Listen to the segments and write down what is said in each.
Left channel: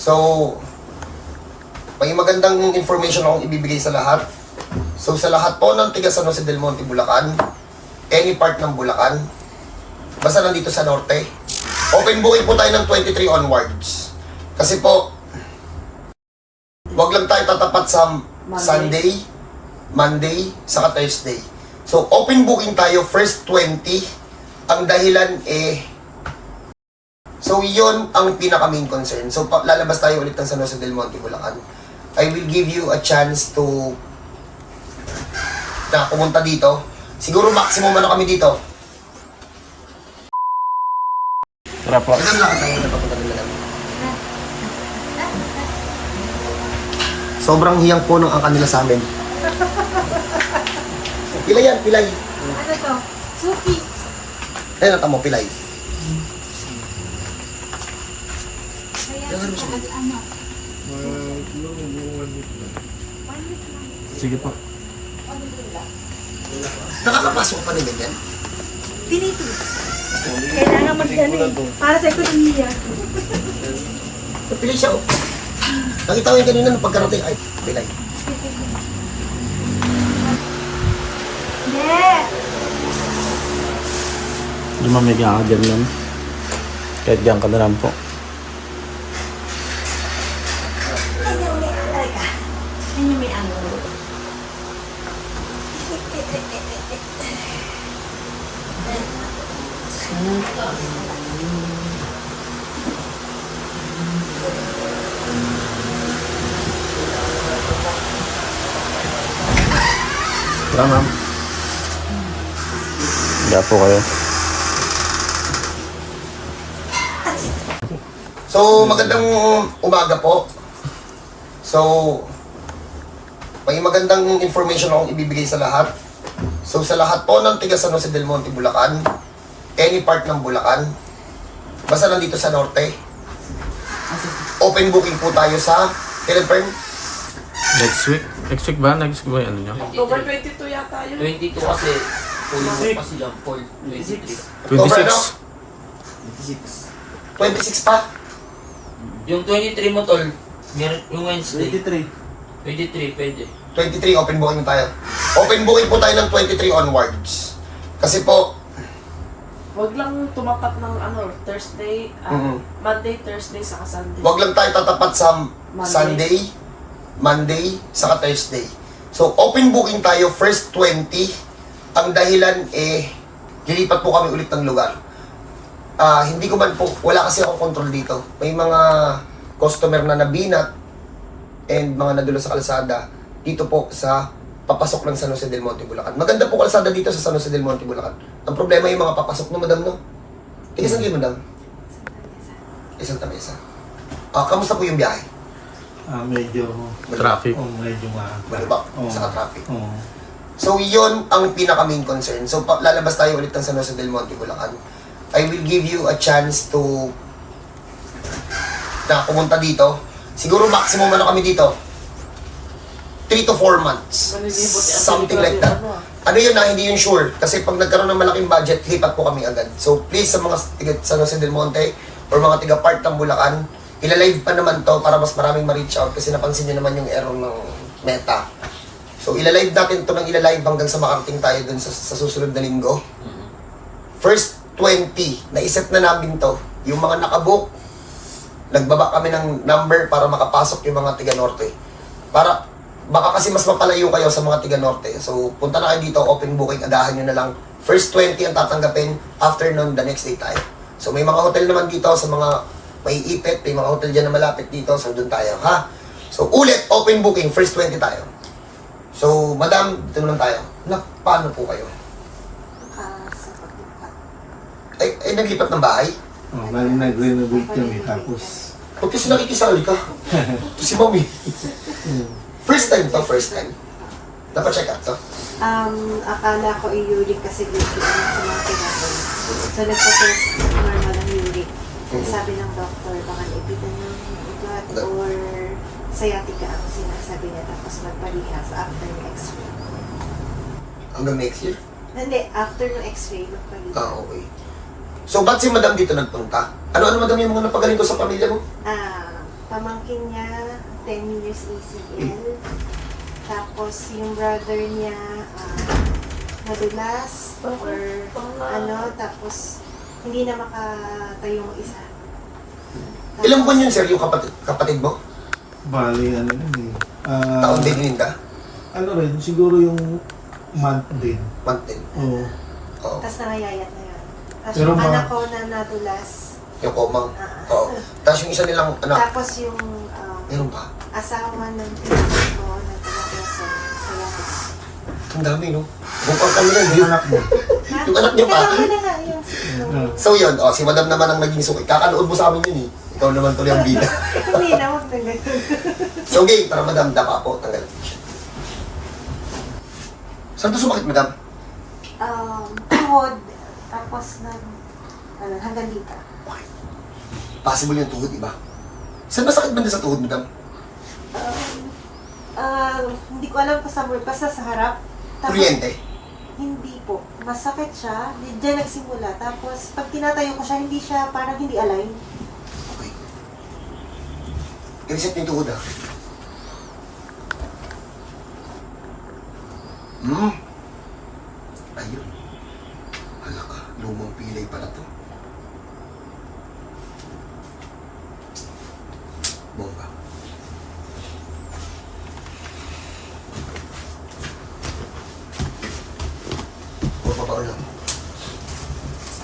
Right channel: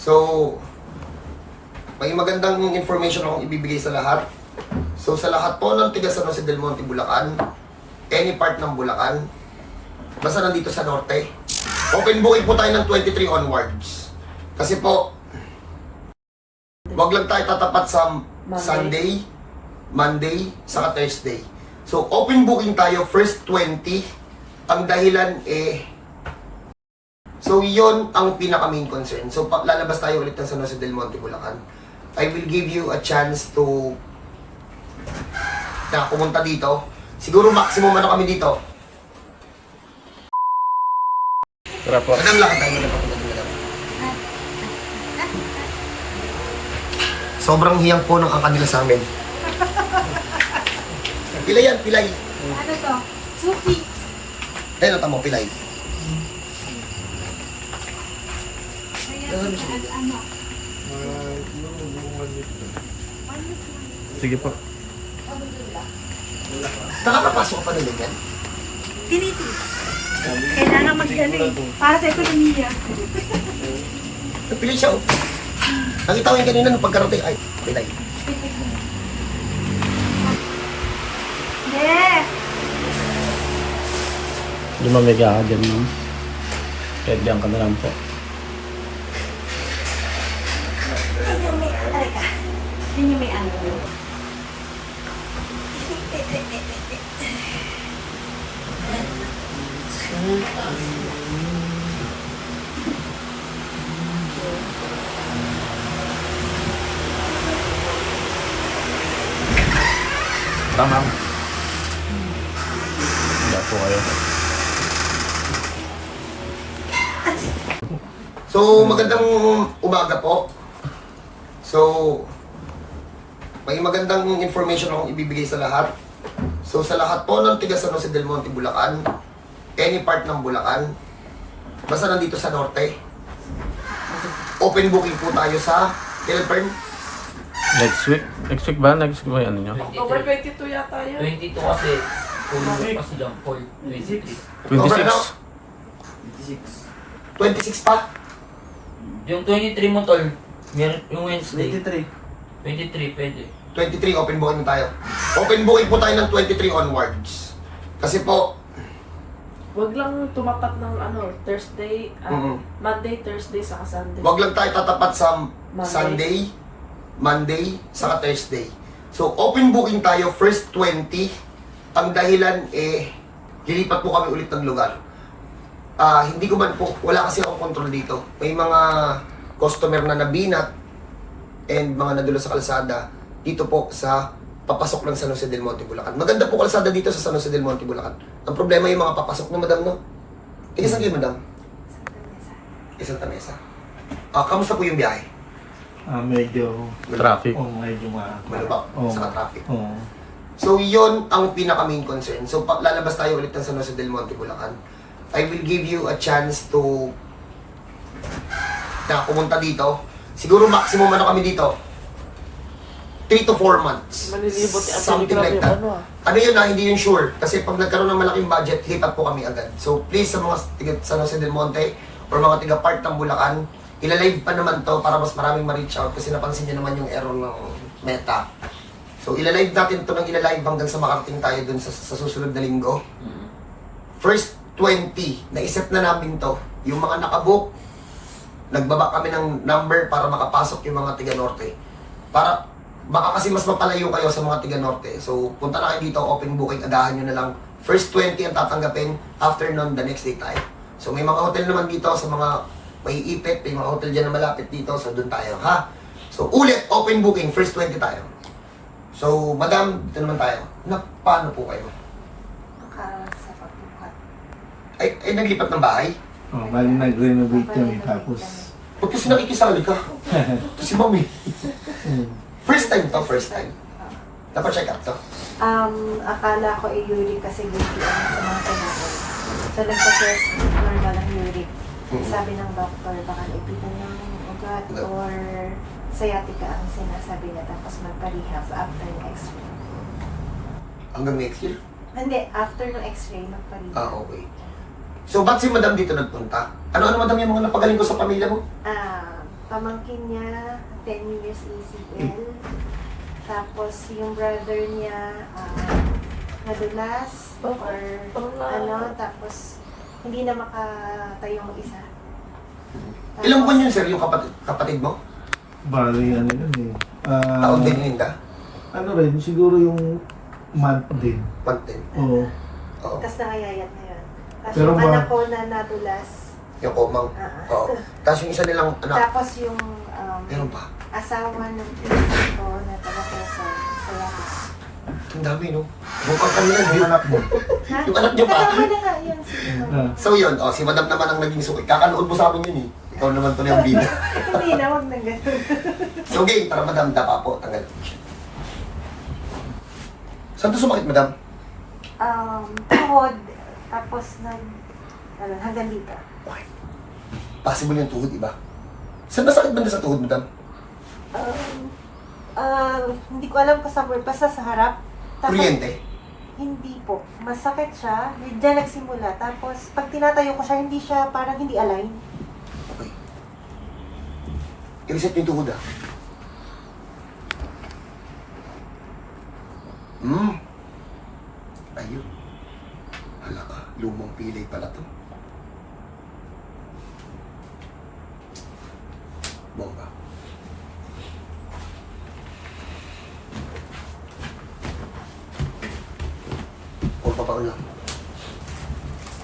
So, may magandang information akong ibibigay sa lahat. So, sa lahat po ng tiga San Jose del Monte, Bulacan, any part ng Bulacan, basta nandito sa norte, open booking po tayo ng 23 onwards. Kasi po, wag lang tayo tatapat sa Sunday, Monday, saka Thursday. So, open booking tayo first 20. Ang dahilan so, yon ang pinaka-main concern. So, lalabas tayo ulit ng San Jose del Monte, Bulacan. I will give you a chance to na pumunta dito. Siguro maximum ano kami dito. Tara po. Madam, lakad tayo. Madam. Sobrang hiyang po ng ang kanila sa amin. Pilay yan, pilay. Ano to? Suki. Ayun, tamo, pilay. Ano? Sige po. Nakakapasok ka pa nila yan? Tinitis. Kailangan mag-ano eh. Para sa ekonomiya. Pilay siya, oh. Nakita ko yung kanina nung pagkarating. Ay, pilay. Yeah. Lumamiga ka dyan, ma'am. Kahit dyan ka na lang po. Ayun may angulo. Tara, ma'am. Hiya po kayo. So, magandang umaga po. So, may magandang information akong ibibigay sa lahat. So, sa lahat po ng tiga San Jose del Monte, Bulacan, any part ng Bulacan, basta nandito sa norte, open booking po tayo sa Teleperm. Next week? Next week ba? Next week ba yung ano nyo? October 22 yata yun. 22 kasi, full mo kasi lang, 23. 26? 26 pa. Yung 23 mo tol, yung Wednesday. 23 pwede. 23, open booking tayo. Open booking po tayo ng 23 onwards. Kasi po, Huwag lang tumapat ng ano, Thursday, Monday, Thursday, saka Sunday. wag lang tayo tatapat sa Monday. Sunday, Monday, saka Thursday. So, open booking tayo first 20. Ang dahilan lilipat po kami ulit ng lugar. Hindi ko man po, wala kasi akong control dito. May mga customer na nabinat and mga nadulo sa kalsada dito po sa papasok ng San Jose del Monte, Bulacan. Maganda po kalsada dito sa San Jose del Monte, Bulacan. Ang problema yung mga papasok na, madam, no? Tiga saan kayo, madam? Santa Mesa. Kamusta po yung biyahe? Medyo Traffic. medyo Malubak, Oo. sa traffic. Oo. So, yun ang pinaka-main concern. So, lalabas tayo ulit ng San Jose del Monte, Bulacan. I will give you a chance to na pumunta dito. Siguro maximum ano kami dito? 3 to 4 months. Malilibot si Ate Something Ligra like din, that. ano. Ano yun na, hindi yun sure. Kasi pag nagkaroon ng malaking budget, lipat po kami agad. So, please sa mga tiga San Jose del Monte or mga tiga part ng Bulacan, ilalive pa naman to para mas maraming ma-reach out kasi napansin nyo naman yung error ng Meta. So, ilalive natin to ng ilalive hanggang sa makarating tayo dun sa susunod na linggo. First 20, naiset na namin to. Yung mga nakabook, nagbaba kami ng number para makapasok yung mga tiga Norte. Para, baka kasi mas mapalayo kayo sa mga tiga Norte. So, punta na kayo dito, open booking, agahan nyo na lang. First 20 ang tatanggapin, after nun, the next day tayo. So, may mga hotel naman dito sa mga may ipit, may mga hotel dyan na malapit dito, so doon tayo, ha? So, ulit, open booking, first 20 tayo. So, madam, dito naman tayo. Paano po kayo? Sa pagbuhat. Ay, naglipat ng bahay? Nag-renovate kami tapos Huwag kasi nakikisali ka. Ito si mami. First time to, first time. Dapat check up to. Akala ko uric kasi gusto ano sa mga kinain. So nagpa-test normal ang uric. Sabi ng doktor, baka ipitan ng ugat or sciatica ang sinasabi niya. Tapos magpa-rehab after ng x-ray. Hanggang next year? Hindi, after ng x-ray, magpa-rehab. Okay. So, ba't si madam dito nagpunta? Ano-ano madam yung mga napagaling ko sa pamilya mo? pamangkin niya, 10 years ACL. Tapos yung brother niya, nadulas or tapos hindi na makatayo yung isa. Ilang buwan yun, sir, yung kapatid mo? Bali, ano yun eh. Taon din Linda? Ano rin, siguro yung month din. Month din. Oo. Oo. Tapos nangayayat na yan. Tapos Pero yung ma- anak ko na nadulas. Yung komang. Oo. Tapos yung isa nilang anak. Tapos yung Meron pa. asawa ng pinsan ko na taga-Quezon. Sciatic. Ang dami, no? Bukang kanila, yung anak mo. Yung anak niyo pa. Kasama na nga yun. So yun, si madam naman ang naging suki. Kakanood mo sa amin yun eh. Ikaw naman tuloy ang bida. Hindi na, wag na ganun. So game, tara madam, dapa po, tanggal. Saan to sumakit, madam? Tuhod. Tapos hanggang dito. Okay. Possible yung tuhod, iba. Saan ba sakit banda sa tuhod, madam? Hindi ko alam kung saan, basta sa harap. Tapos, Kuryente. hindi po. Masakit siya. Diyan nagsimula. Tapos, pag tinatayo ko siya, hindi siya, parang hindi align. Okay. I-reset yung tuhod, ah. Ayun. Hala ka, lumang pilay pala to. Bomba. O, papaon lang.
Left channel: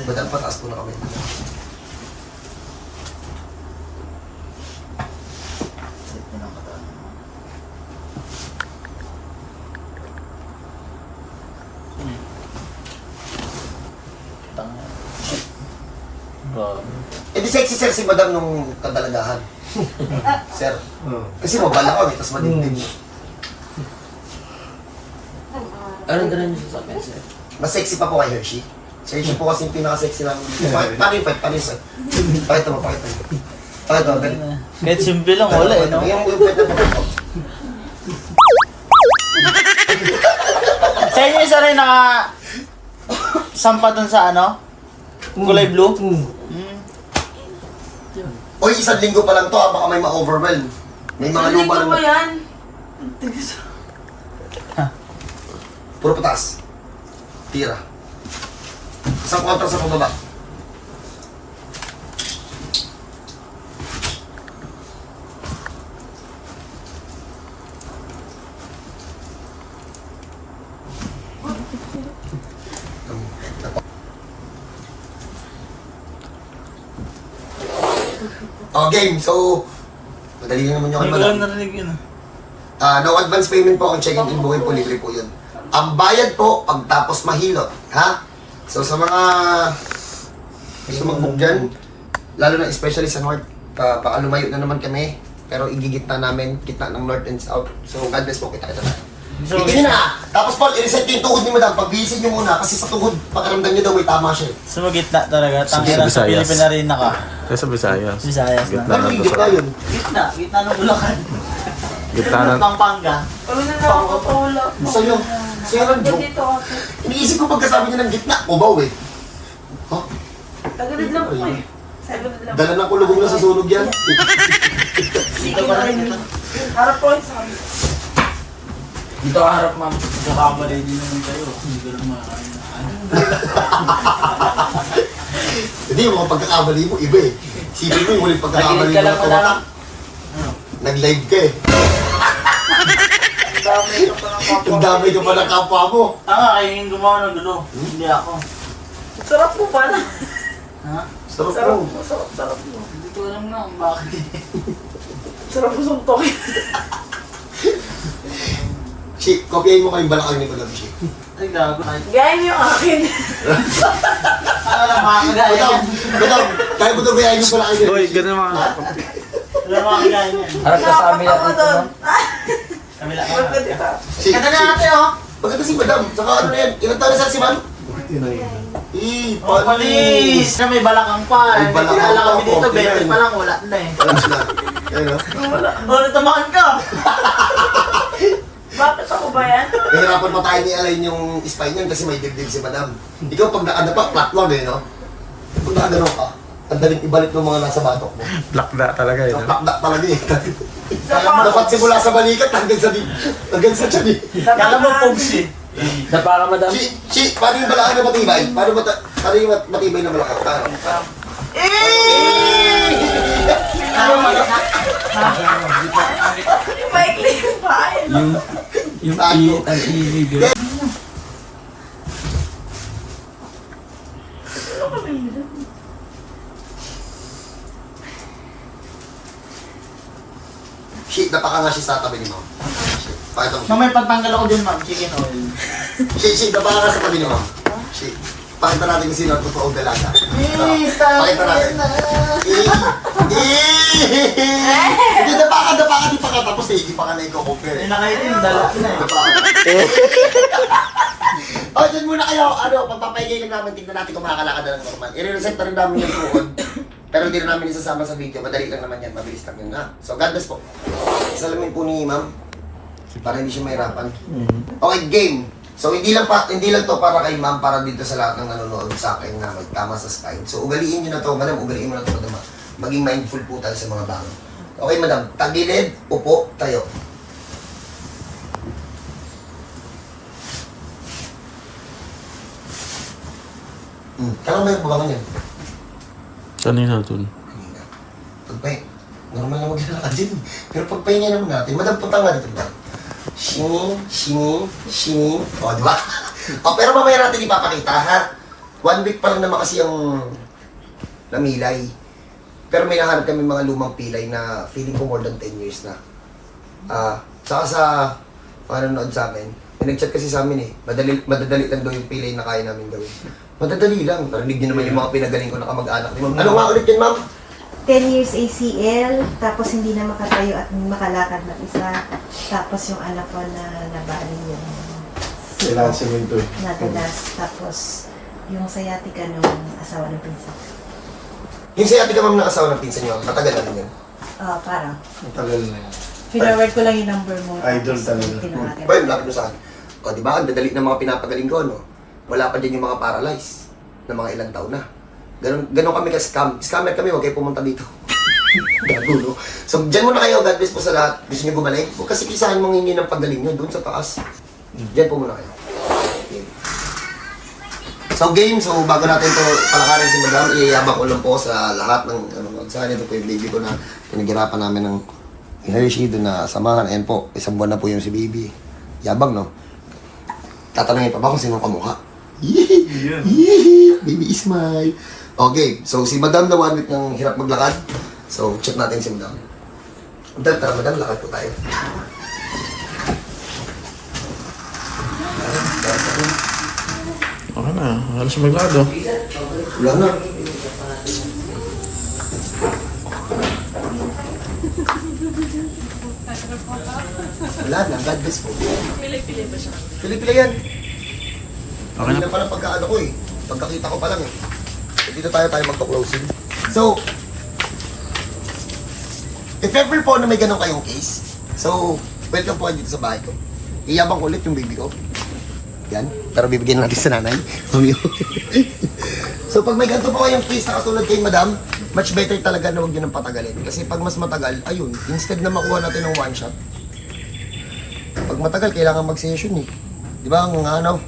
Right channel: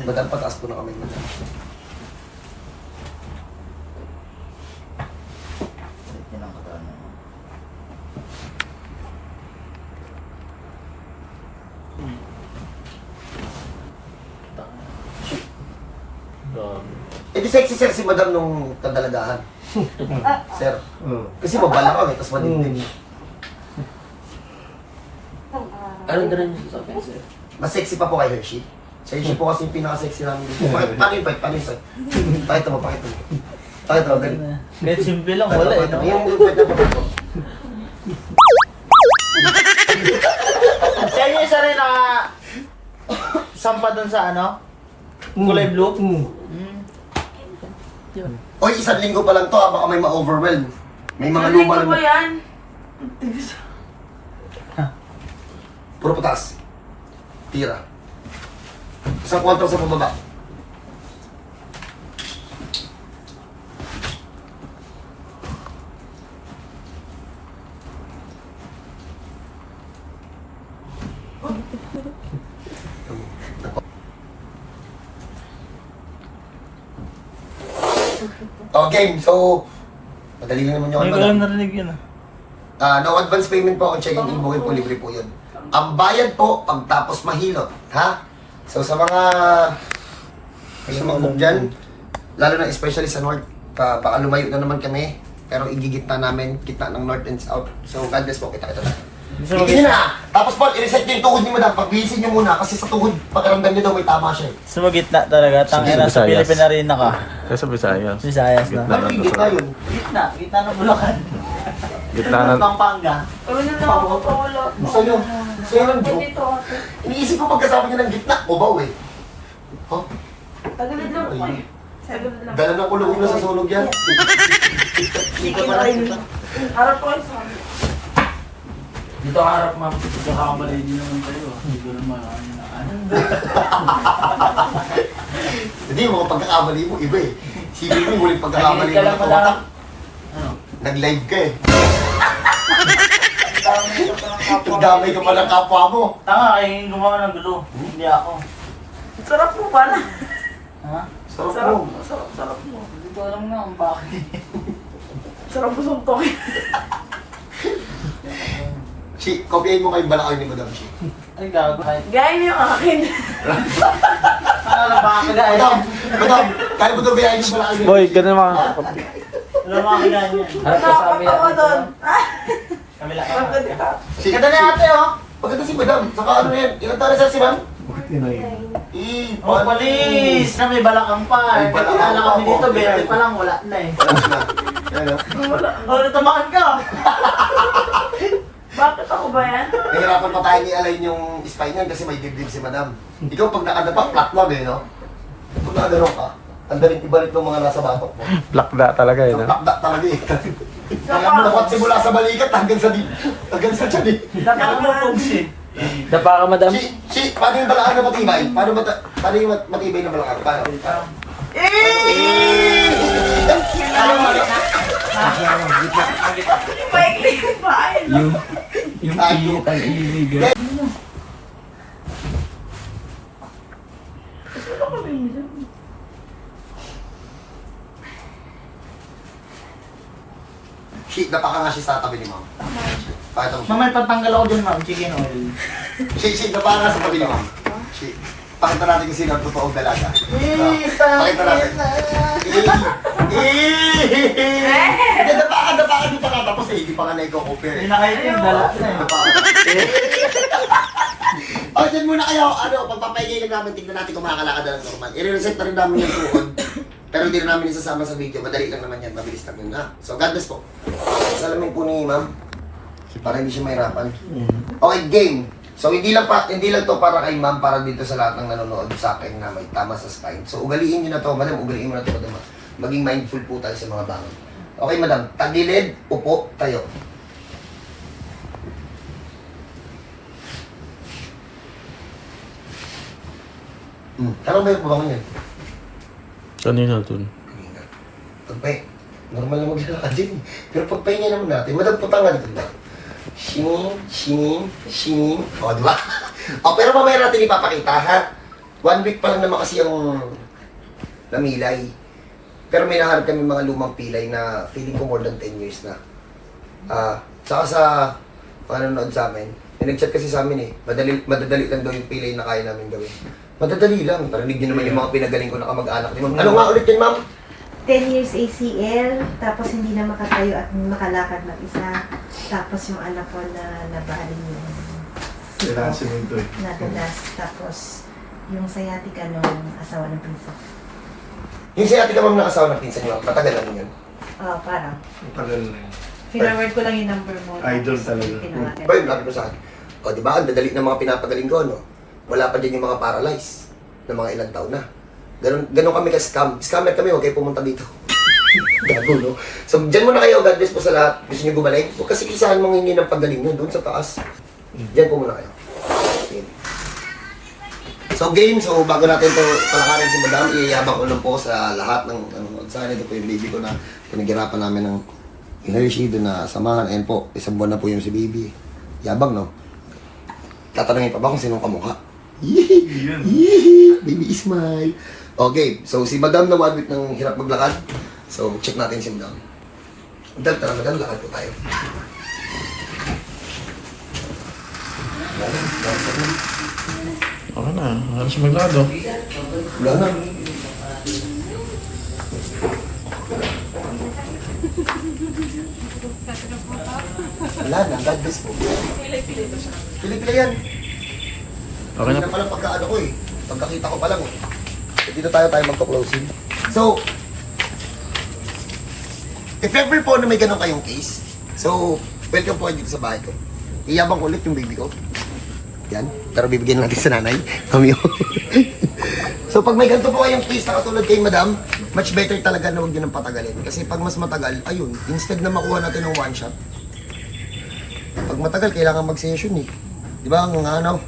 Madam, pataas po na kami, madam. Eh di sexy sir si madam nung kadalagahan. Sir, Oo. kasi mabalakang eh, tapos madimdim. Anong dala niyo sa akin, sir? Mas sexy pa po kay Hershey. Si Hershey po kasi yung pinaka-sexy namin dito. Paano yun, sir? Pakita mo. Pakita mo, dali. Kahit simple lang, wala eh, no? Yung pwede na pakita. Sa inyo isa rin naka... sampa dun sa ano? Kulay blue? Oy, 1 linggo pa lang to ha, baka may ma-overwhelm. May mga luma lang. yan? Puro patas. Tira. Isang kontra sa pababa. Oh, game. So, madali lang naman yung kay madam. narinig yun. No advance payment po ang check-in, booking po, libre po yun. Ang bayad po, pagtapos mahilot, ha? So sa mga gusto mag-book dyan, lalo na especially sa North, baka lumayo na naman kami, pero igigitna namin, gitna ng North and South. So God bless po, kita-kita na. Itin na! Tapos Paul, i-reset nyo yung tuhod ni madam, pagbihisin nyo muna, kasi sa tuhod, pakiramdam nyo daw may tama siya. Sa gitna talaga. Sa Tangina, Visayas. Pilipinas rin ako. Kaya sa Visayas. Visayas na. Gitna Ano ng yung gitna Luzon. yun? Gitna ng Bulacan. Gitna ng... Pampanga. Wala na ako, wala. Sa'yo, sa'yo lang joke. Dito ate. Iniisip ko pagkasama nyo ng gitna, ubaw eh. Huh? Tagalid lang po eh. Tagalid lang. Dala ng kulong sa sunog yan. Hindi ka pa rin. Harap ko yung sabi. Dito ka harap, ma'am. Nakakamali din naman tayo. Hindi ko naman ano. Hindi, yung mga pagkakamali mo, iba eh. Sipin mo yung huling pagkakamali Nag-live ka mo lang na wala. kumata. Nag-live ka eh. Dami ka pa ng kapwa. Ang damay ka pa ng kapwa mo. Tanga, kayo yung gumawa ng gulo. Hindi ako. Sarap po pala. Ha? Sarap Sarap mo. po, sarap po. Hindi ko alam nga kung bakit. Sarap po sumtokin. Shi, kopyahin mo kayong balakang ni Madam Shi. Ay, gago. Kahit Gaya niyo yung akin. alam mga kagaya Madam, yan. madam, kaya mo kopyahin yung balakang niya. Boy, ganun mga... Alam mga kagaya yan. Harap ka sa kamila Ako dito, doon. ma'am. Kamila ka. Huwag ka dito. Shi, Ganda na ate oh. Maganda si Madam. Saka ano na yan? Ilan taon na siya si Ma'am? Yun na yun. Oh, palis! Na may balakang pa. May balakang Wala kami pa, dito, okay. 20 pa lang, wala na eh. Ano? Oh, natamaan ka! Bakit ako ba yan? Nahirapan pa tayo ni Alain yung spine niyan kasi may dibdib si Madam. Ikaw pag nakadapak, flat lang eh, no? Pag nakadalaw ka, ang daling ibalik ng mga nasa batok mo. Lakda talaga yun. So, lakda talaga eh. Dapat simula sa balikat hanggang sa tiyan eh. Kaya mo pugsi. Dapa ka, madam. Paano yung balakang na matibay? Paano yung matibay na balakang? Paano? Maikli yung paa eh. Yung iit ang ibig. Shit, napaka nga siya sa tabi ni Ma'am. Pakita mo. Mamay patanggal ako dun, ma'am. Chicken oil. Shit, napaka nga sa tabi ni Ma'am. Shit. Pakita natin kung sino ang totoong dalaga. Pakita natin. Hindi, napaka, di pa nga tapos eh. Di pa nga na-i-compare. Hindi na kayo ito yung dala na eh. O, dyan muna kayo. Pagpapahigay lang namin, tignan natin kung makakalakad na ng normal. I-reset na rin namin yung tuhod. Pero hindi na namin isasama sa video. Madali lang naman yan. Mabilis lang yun ha. So, God bless po. Salamin po ni Ma'am. Para hindi siya mahirapan. Okay, game. So, hindi lang to para kay Ma'am, para dito sa lahat ng nanonood sa akin na may tama sa spine. So, ugaliin nyo na to. Madam, ugaliin mo na to, madam. Maging mindful po tayo sa mga bangon. Okay, madam. Tagilid, upo, tayo. Kailan ba yung bumangon yan? Kanina dun. Pagpahinga, normal na maglalakad din. Pero pagpahinga naman natin, madam punta nga dito. Shinin. O, di ba? O, pero mamaya natin ipapakita, ha? 1 week pa lang naman kasi yung namilay. Pero may nahanap kami mga lumang pilay na feeling ko more than 10 years na. Saka sa mga nanonood sa amin, may nag-chat kasi sa amin eh, madadali lang daw yung pilay na kaya namin gawin. Madadali lang. Narinig niyo naman yung mga pinagaling ko na kamag-anak ni Ma'am. Ano nga ulit yun, Ma'am? 10 years ACL, tapos hindi na makatayo at makalakad na isa. Tapos yung anak ko na nabaling yung Kailangan semento eh. nadulas. Tapos yung sciatica nung asawa ng pinsan. Yung si ate ka, Ma'am, nakasawa ng pinsan niyo, matagal na rin yun. Oo, parang. Ang tagal na yun. Pinaward ko lang yung number mo. Idol talaga. Tinawagan. Boy, lapit mo sa akin. O, di ba? Ang dadali ng mga pinapagaling ko, no? Wala pa dyan yung mga paralyzed na mga ilang taon na. Ganon kami ka-scam. Scammer kami, huwag kayo pumunta dito. Gago, no? So, dyan muna kayo. God bless po sa lahat. Gusto nyo bumalik? Huwag kasi isahan mong hindi ng pagaling nyo. Doon sa taas. Dyan po muna kayo. So, game. So, bago natin to palakarin si Madam, iyayabang ko lang po sa lahat ng saan ito po yung baby ko na pinaghirapan namin ng Hershey doon na samahan. Ayan po, isang buwan na po yung si baby. Yabang, no? Tatanungin pa ba kung sinong kamukha? Yee! Baby smile. Okay, so si Madam na 1 week ng hirap maglakad. So, check natin si Madam. Tara, Madam, lakad po tayo. Okay na. Halos maglakad oh. Wala na. Wala na, God bless po. Pilipili yan. Okay na. Hindi na pala pagkaano ko eh. Pagkakita ko pa lang eh. So, dito tayo magka-closing. So, if ever po na may ganun kayong case, so, welcome po kayo dito sa bahay ko. Iyabang ulit yung baby ko. Yan. Pero bibigyan natin sa nanay. Mami. So, pag may ganito po kayong case na katulad kay Madam, much better talaga na huwag nyo nang patagalin. Kasi pag mas matagal, ayun, instead na makuha natin ng one shot, pag matagal, kailangan mag-session eh. Di ba? Ang ano?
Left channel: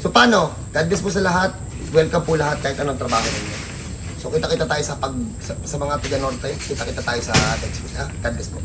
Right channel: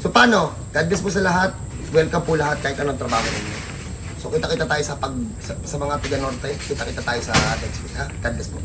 So, paano? God bless po sa lahat. Welcome po lahat kahit anong trabaho ninyo. So, kita-kita tayo sa mga tiga-norte. Kita-kita tayo sa next week, ha? God bless po.